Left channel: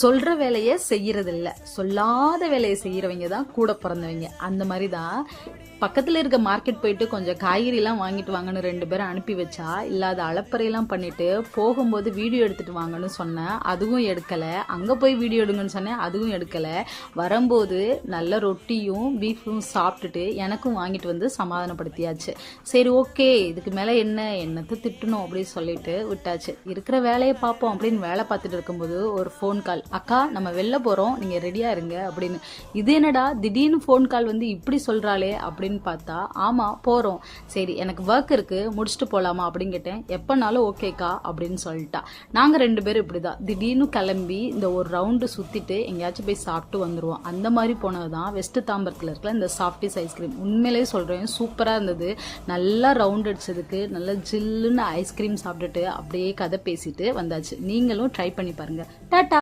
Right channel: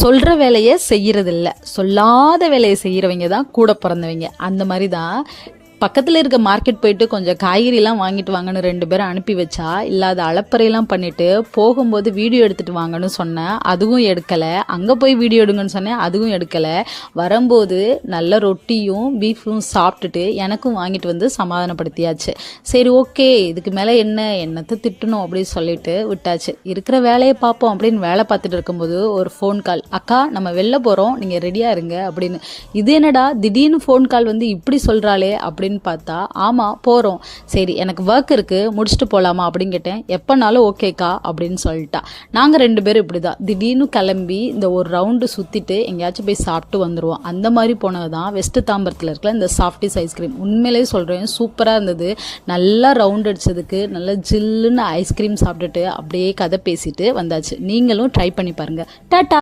சொல்கிற வேலையை செய்கிறதில்ல, சொல்லாத வேலையை செய்கிறவங்க தான் கூட பிறந்தவங்க. அந்த மாதிரி தான் பக்கத்தில் இருக்க மார்க்கெட் போயிட்டு கொஞ்சம் காய்கறிலாம் வாங்கிட்டு வாங்கன்னு 2 பேரும் அனுப்பி வச்சா, இல்லாத அலப்பறையெல்லாம் பண்ணிவிட்டு போகும்போது வீடியோ எடுத்துகிட்டு வாங்கன்னு சொன்னேன், அதுவும் எடுக்கலை. அங்கே போய் வீடியோ எடுங்கன்னு சொன்னேன், அதுவும் எடுக்கலை. வரும்போது நல்ல ரொட்டியும் பீஃபும் சாப்பிட்டுட்டு எனக்கும் வாங்கிட்டு வந்து சமாதானப்படுத்தியாச்சு. சரி ஓகே, இதுக்கு மேலே என்னத்தை திட்டணும் அப்படின்னு சொல்லிட்டு விட்டாச்சு. இருக்கிற வேலையை பார்ப்போம் அப்படின்னு வேலை பார்த்துட்டு இருக்கும்போது ஒரு ஃபோன் கால். அக்கா, நம்ம வெளில போகிறோம், நீங்கள் ரெடியாக இருங்க அப்படின்னு. இது என்னடா திடீர்னு ஃபோன் கால் வந்து இப்படி சொல்கிறாளே அப்படின்னு பார்த்தா, ஆமாம் போகிறோம். சரி, எனக்கு ஒர்க் இருக்குது, முடிச்சுட்டு போகலாமா அப்படின்னு கேட்டேன். எப்போனாலும் ஓகேக்கா அப்படின்னு சொல்லிட்டா. நாங்கள் 2 பேரும் இப்படி தான் திடீர்னு கிளம்பி இந்த ஒரு ரவுண்டு சுற்றிட்டு எங்கேயாச்சும் போய் சாப்பிட்டு வந்துடுவோம். அந்த மாதிரி போனது தான் வெஸ்ட் தாம்பரத்தில் இருக்கிற இந்த சாஃப்டிஸ் ஐஸ்கிரீம். உண்மையிலே சொல்கிறேன், சூப்பராக இருந்தது. நல்லா ரவுண்ட் அடிச்சதுக்கு நல்லா ஜில்லுன்னு ஐஸ்கிரீம் சாப்பிட்டுட்டு அப்படியே கதை பேசிட்டு வந்தாச்சு. நீங்களும் ட்ரை பண்ணி பாருங்கள். டாட்டா.